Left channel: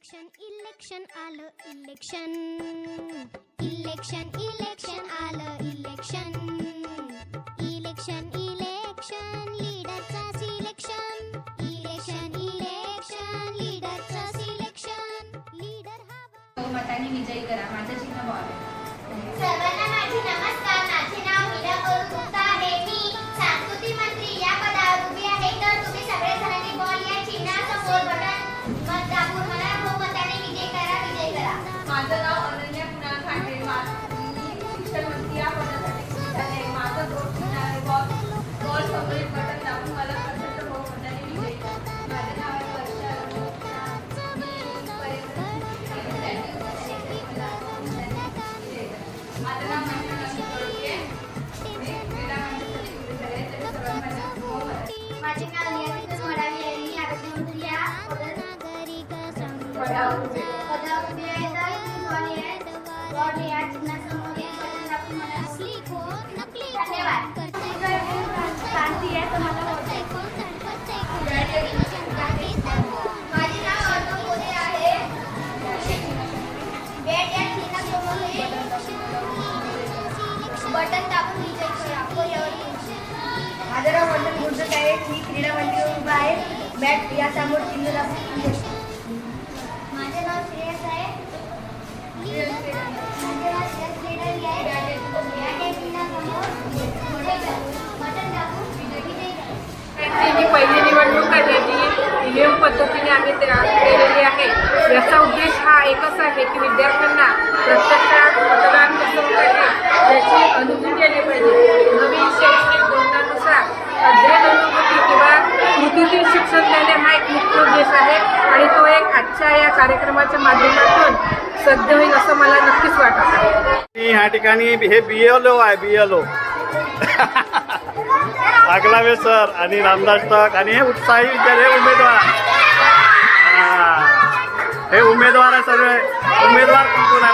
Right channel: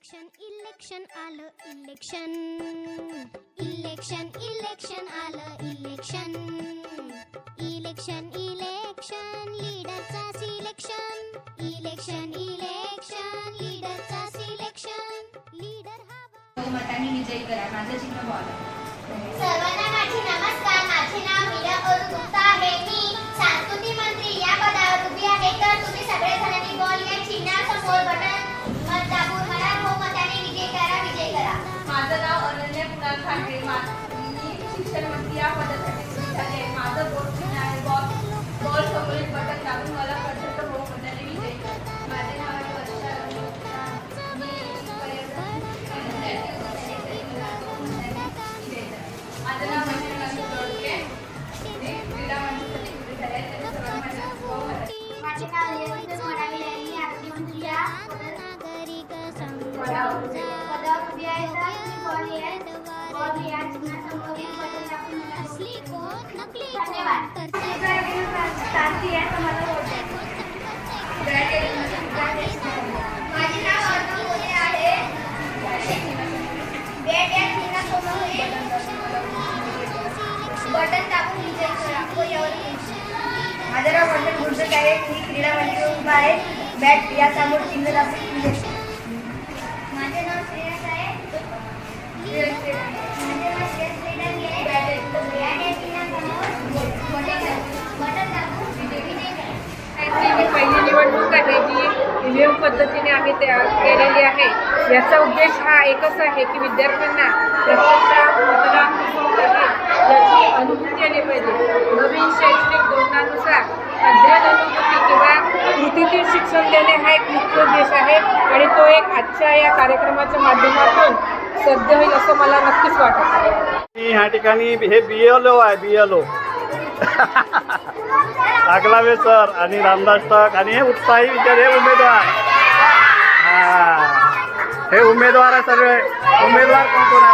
Election आलं election election election आलं election election election लीडरचा सिलेक्शन इलेक्शन इलेक्शन लीडरचा सिलेक्शन लीडर हवा मतांनी विजयी करा. माझं चिन्ह बॉल. सर्वांना माझे नमस्कार. माझे नाव मीरा गुप्ता आहे. मी सांस्कृतिक मंत्री या पदावर उभी आहे. तर तुम्ही सगळे जणांनी बॉल या चिन्हासमोर बटन मत दाबून मला बहुमताने विजयी करा. माझं नाव अनन्या कुणाल खांडे. मी शिक्षण मंत्री या पदासाठी आहे. माझं बोट चिन्ह आहे बॉल. बॉल समोर बटन दाबून मला प्रचंड बहुमताने विजयी करा. माझे नाव आहे वर्षा रमेश. माझं नाव माझे नाव यशस्वी म्हणावे आहे. मी आरोग्यमंत्री या नागरिक पदावर उभी आहे. तर बॉल या चिन्हासमोर बटन दाबून मला असली कोण नकली धन्यवाद. शांती आहे तर मला वोट द्या. माझे नाव अर्जुन मोरे आहे. बॅट या चिन्हासमोर बटन दाबून विजयी करा. माझं नाव वंदन गुंडे आहे. मी क्रीडा मंत्री उभा आहे. बॅट या समोर चिन्ह दाबून विजयी करा. माझे नाव श्रेयस आहे. माझे नाव श्रेयस लेडावी आहे. बॅट या चिन्हासमोर बटन दाबून विजयी करा. ही पहिली निवडणूक आहे जी ईव्हीएम पद्धतीने आम्ही तयार केलेली आहे. याचा उद्देश हा एकच आहे की विद्यार्थ्यांना प्रत्यक्षात मतदान कसं होत आहे याची अनुभूती आली पाहिजे. नवीन शैक्षणिक धोरणानुसार अध्ययन अनुभूती किंवा कृतीतील शिक्षण देणे हा एक मुख्य उद्देश आहे आणि तो एक आजच्या या कार्यक्रमाच्या माध्यमातून सध्या होईल असं मला नक्कीच वाटत आहे. ह्या ठिकाणी हे BLO आहे BLO आगलावे सर आणि रामदास टक आणि हे उत्साही विद्यार्थी हे उमेदवार हे उमेदवार आहे सगळे. उमेदवार कोण आहे?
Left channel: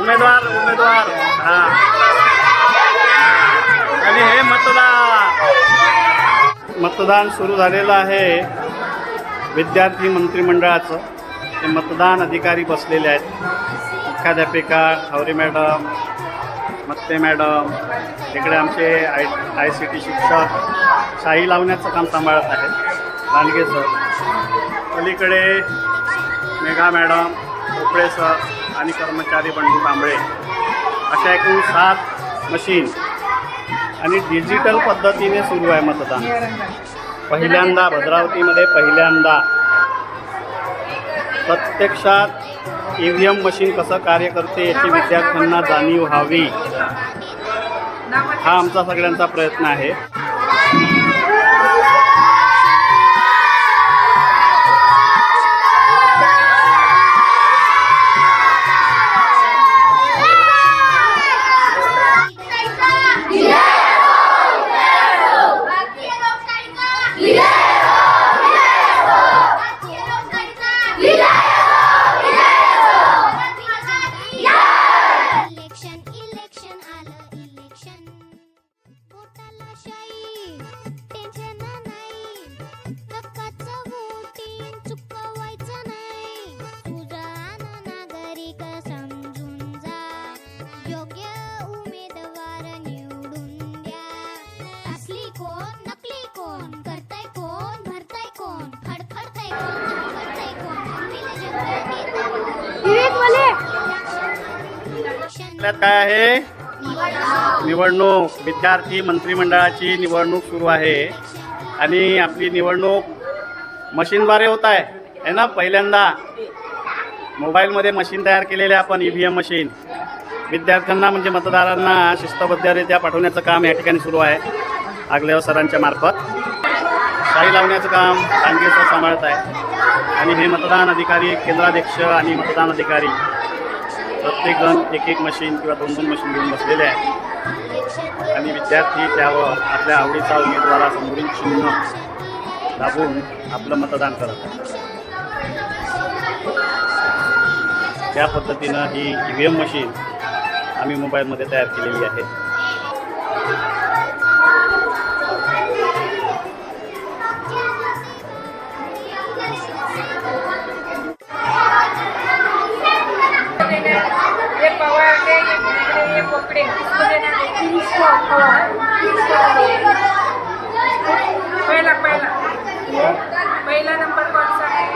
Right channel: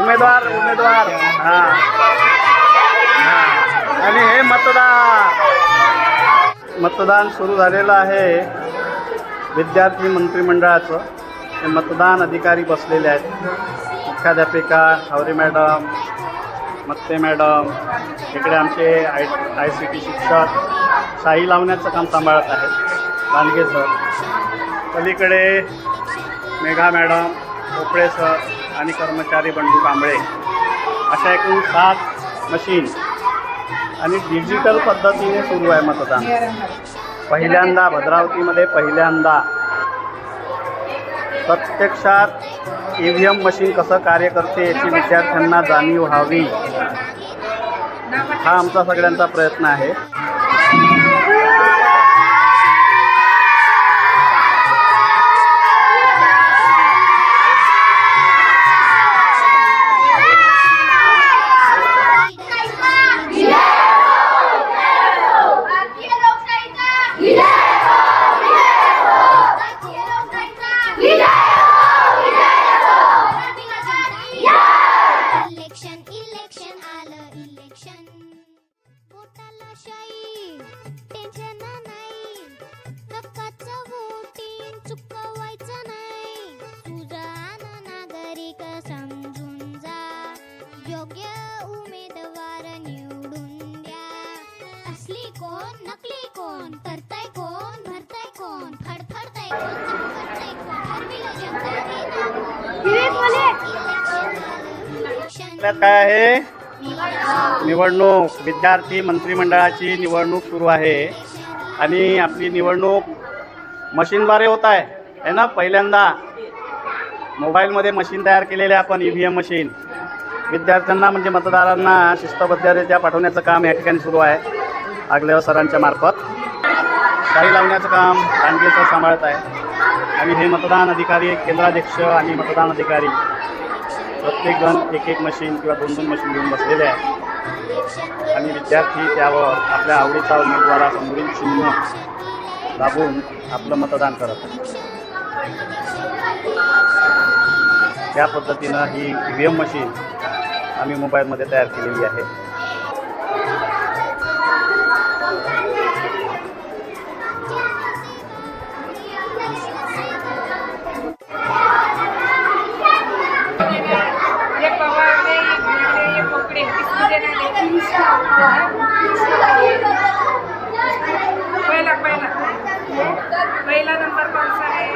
उमेदवार आणि हे मतदान सुरू झालेलं आहे. विद्यार्थी मंत्रिमंडळाचं हे मतदान अधिकारी बसलेले आहेत. मुख्याध्यापिका हावरे मॅडम, मत्ते मॅडम, इकडे आमचे ICT शिक्षक शाही लावण्याचं काम सांभाळत आहेत लांडगे सर, पलीकडे मेघा मॅडम, भोपळे सर आणि कर्मचारी बंडू कांबळे अशा एकूण 7 मशीन आणि डिजिटल पद्धतीने सुरू आहे मतदान. पहिल्यांदा भद्रावतीमध्ये प्रत्यक्षात EVM मशीन कसं कार्य करते याची विद्यार्थ्यांना जाणीव व्हावी हा आमचा सगळ्यांचा प्रयत्न आहे. इलेक्शन आलं इलेक्शन पोटाला शाई टेन्शन नाही हक्काचं वोटिंग चुकवायचं नाही. सुजाण नागरिक समजून जा योग्य उमेदवार निवडून द्या. असली कोण नकली कोण करताय कोण भरताय कोण फडफडताय कोण चटफडताय कोण ठरविलं जगाने आपल्यात काय आहे? निवडणूक. विद्यार्थी मंत्रिमंडळाची निवडणूक सुरू आहे आणि आपली निवडणूक मशीनद्वारे होत आहे ना. पहिल्यांदा मोबाईलमध्ये मशीन तयार केलेले आपण EVM मशीन विद्यार्थ्यांना म्हणजे मतदारांना शिस्तबद्धरित्या पाठवण्याचं काम या ठिकाणी सुरू आहे. आगलेव सरांच्या मार्फत शाही लावण्याचं काम लांडगे सर सांभाळत आहे आणि हे मतदान अधिकारी केंद्राध्यक्ष आणि मतदान अधिकारी प्रत्येक जण एक मशीन किंवा 2 मशीन घेऊन बसलेले आहेत आणि विद्यार्थी त्यावर आपल्या आवडीचा उमेदवारासमोरील चिन्ह दाबून आपलं मतदान करत आहेत. त्या पद्धतीनं ही EVM मशीन आम्ही मोबाईलमध्ये तयार केलेली आहे. 33 मध्ये नाही, पहिला नंबर कोणता आहे?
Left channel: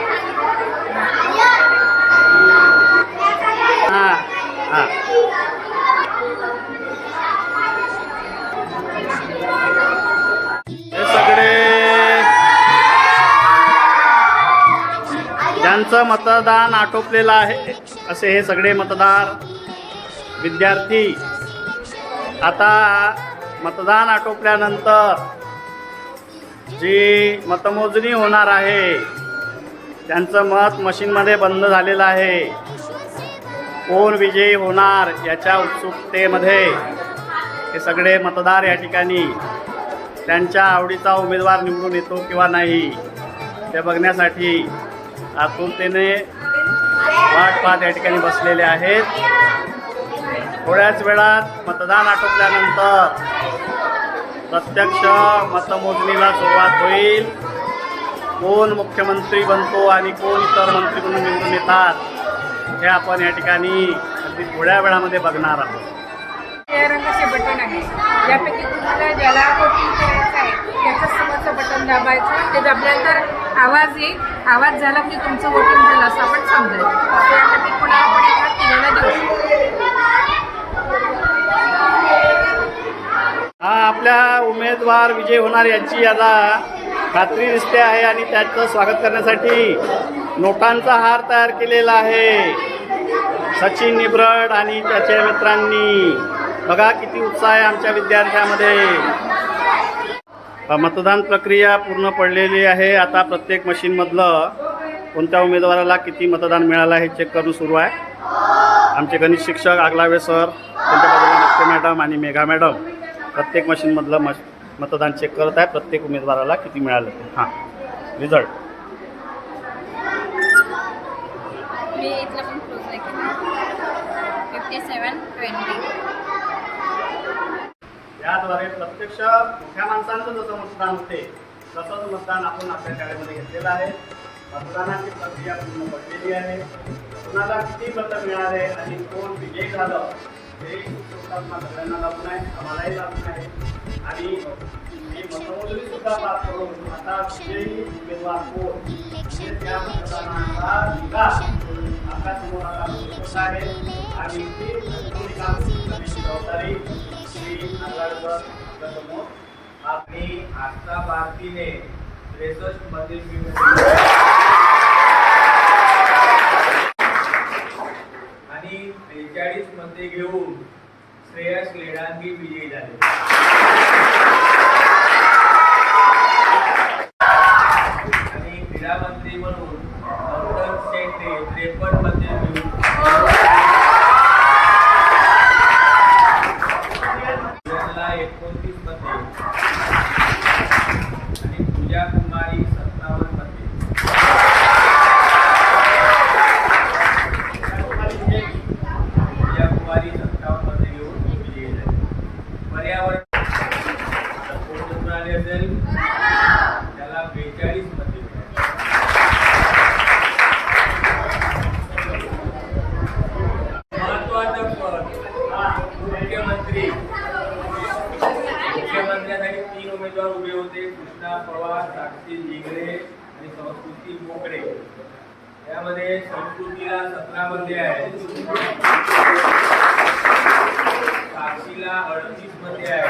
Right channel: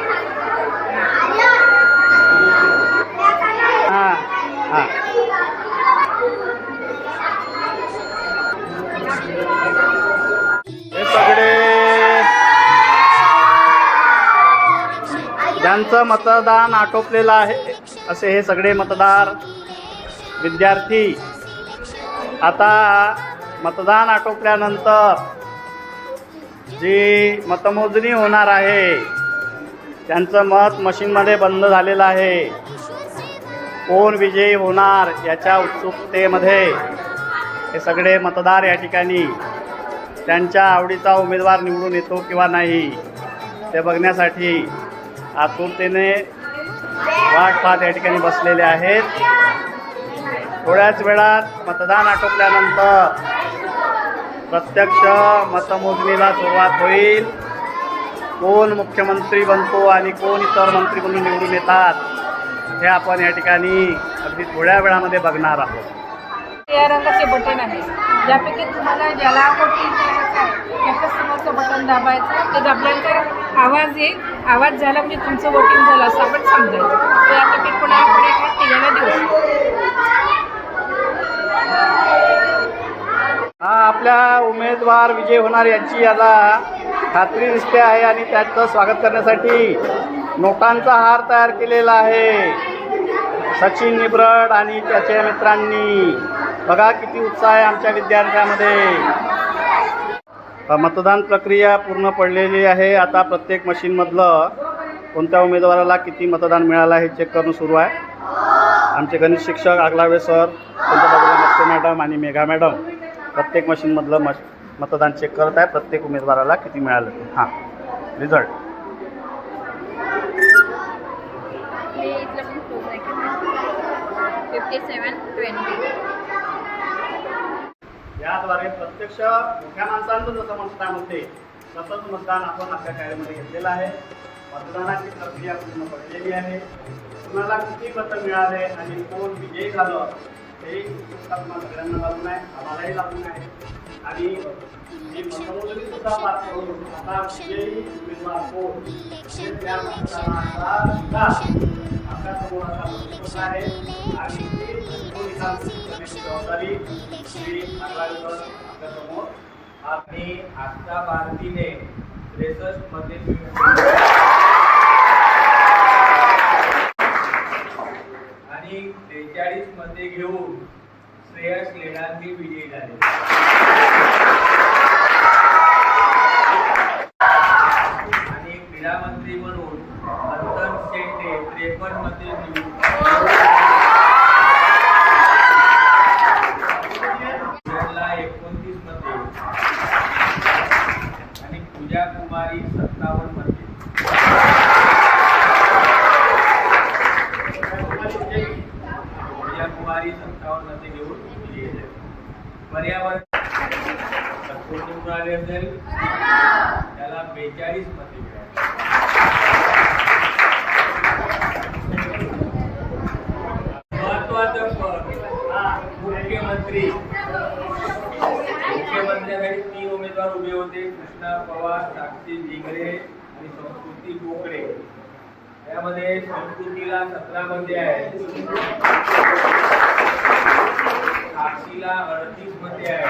हां हां हे सगळे ज्यांचं मतदान आटोपलेलं आहे असे हे सगळे मतदार विद्यार्थी आता मतदान आटोपल्यानंतर जी मतमोजणी होणार आहे त्यांचं मत मशीनमध्ये बंद झालेलं आहे. कोण विजयी होणार याच्या उत्सुकतेमध्ये हे सगळे मतदार या ठिकाणी त्यांच्या आवडीचा उमेदवार निवडून येतो किंवा नाही ते बघण्यासाठी आतुरतेने वाट पाहत या ठिकाणी बसलेले आहेत. थोड्याच वेळात मतदान आटोपल्यानंतर प्रत्यक्ष मतमोजणीला सुरुवात होईल. कोण मुख्यमंत्री बनतो आणि कोण इतर मंत्री म्हणून निवडून येतात हे आपण या ठिकाणी अगदी थोड्या वेळामध्ये बघणार आहोत. या रंगाचे बटन आहे, ज्यापैकी तुम्हाला ज्याला वोटिंग करायचं आहे त्याचं समोरचं बटन दाबायचं. ते दाबल्यानंतर आवाज येईल, आवाज झाला म्हणजे तुमचं वोटिंग झालं असं आपण समजायचं. तर यापैकी कोणाला आपण एका तिघांना देऊ शकतो. हा आपल्या उमेदवार विजय होणार याची आता खात्री दिसते आहे आणि त्याचं स्वागत करण्यासाठी नोटांचा हार तयार केलेला आहे. सचिन निब्रड आणि त्याच्या मित्रांनी बघा किती उत्साह आहे आमच्या विद्यार्थ्यांमध्ये. मतदान प्रक्रिया पूर्ण पडलेली आहे. आता प्रत्येक मशीनमधलं कोणत्या उमेदवाराला किती मतदान मिळालं हे चेक करणं सुरू आहे. आमचे गणित शिक्षक आगलावे सर, त्यांच्या बाजूला नक्ते मॅडम आणि मेघा मॅडम प्रत्येक मशीनमधलं मतदान चेक करत आहे. प्रत्येक उमेदवाराला किती मिळालं ते. हां रिझल्ट याद्वारे प्रत्यक्ष मोठ्या माणसांचं जसं मतदान होते तसंच मतदान आपण आपल्या शाळेमध्ये घेतलेलं आहे. मतदानाची प्रक्रिया पूर्ण पडलेली आहे. कुणाला किती मतं मिळाले आणि कोण विजयी झालं हे उत्सुकता सगळ्यांना लागून आहे, आम्हालाही लागून आहे. आणि ही मतमोजणी सुद्धा पार करून आता विजयी उमेदवार कोण म्हणजे त्या मतदानाचा विकास आपल्या समोर आता होत आहे. आणि जबाबदारी श्री नागराजकर आपल्यासमोर. आणि आजचा भारतीने 63 मध्ये आणि 43 मध्ये घेऊन श्रेयस लेडांगी विजयी झाले. आणि क्रीडा मंत्री म्हणून मंथन शेट्टे 53 मध्ये घेऊन 29 मध्ये आणि पूजा कुमारी 57 मध्ये. पूजा कुमारी 57 मध्ये घेऊन विजयी झाली. पर्यावरण सपोर्ट मिळाले असेल त्याला 42 मध्ये मिळाले. महत्वाचं पद मुख्यमंत्री. मुख्यमंत्र्यासाठी 3 उमेदवार उभे होते. कृष्णा पवार, साक्षी जिगरे आणि संस्कृती मोकळे. त्यामध्ये संस्कृतीला 17 मध्ये आहे, साक्षीला 38 मध्ये आहे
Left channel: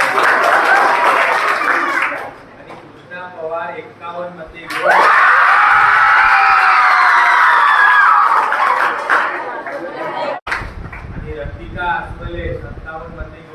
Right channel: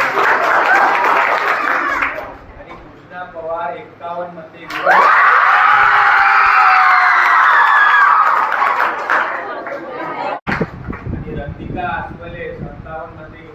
आणि कृष्णा पवार 51 मध्ये आणि रतिका अस्वले 57 मध्ये घेऊन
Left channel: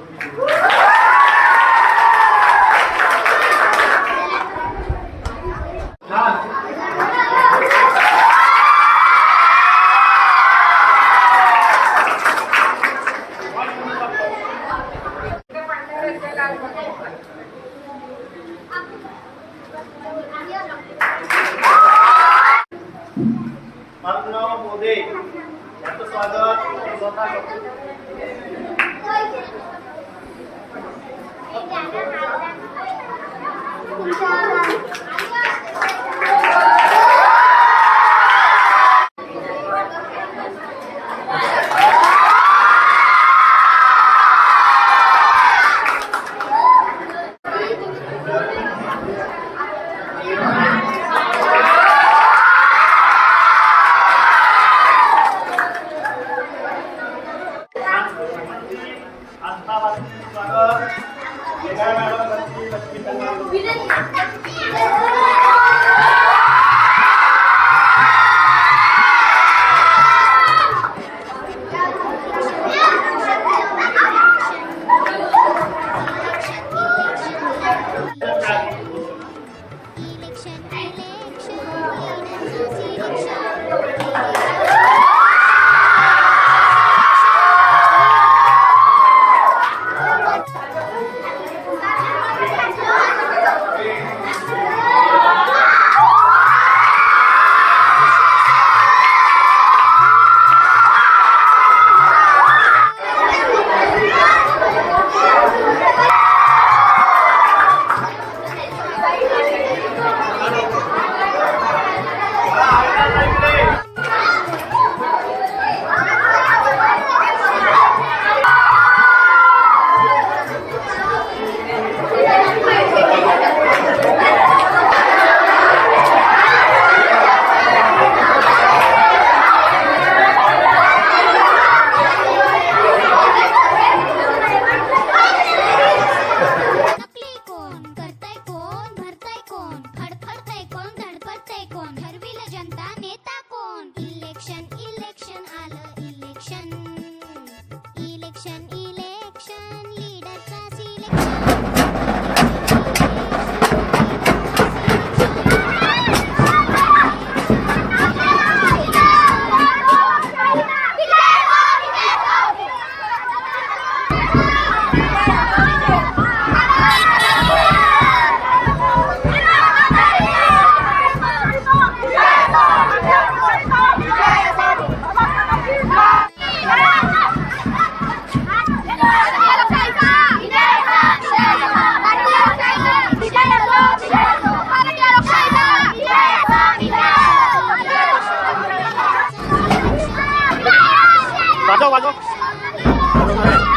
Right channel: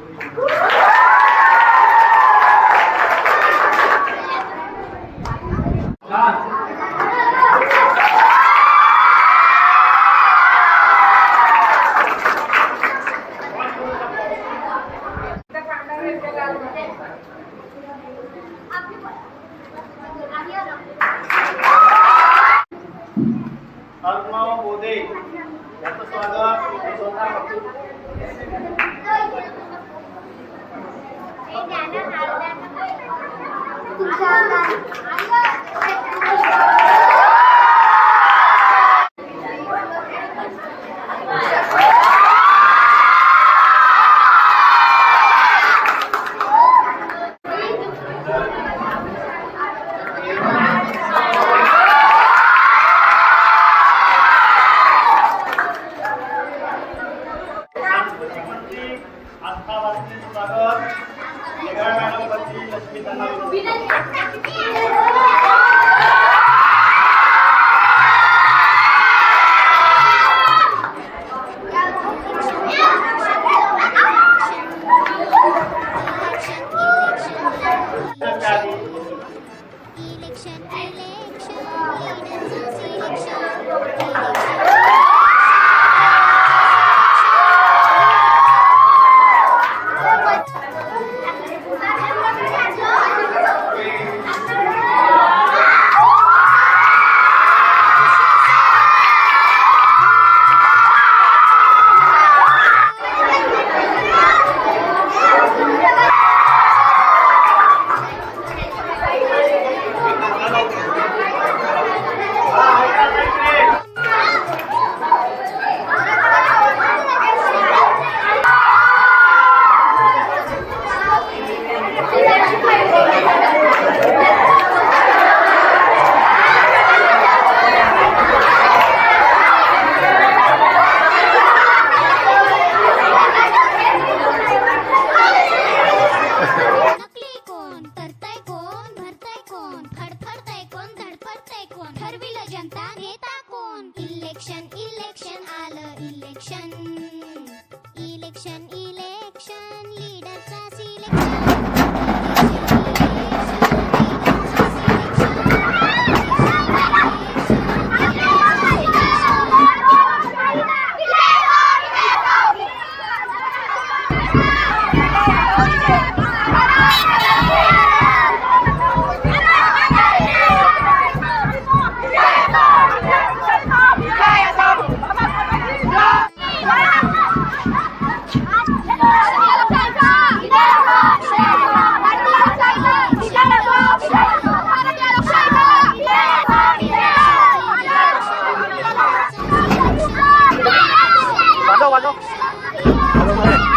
अर्णव मोदे यांचं स्वागत स्वतः करतो. इलेक्शन इलेक्शन आलं इलेक्शन इलेक्शन इलेक्शन लीडरचा वाजव वाजव वाजव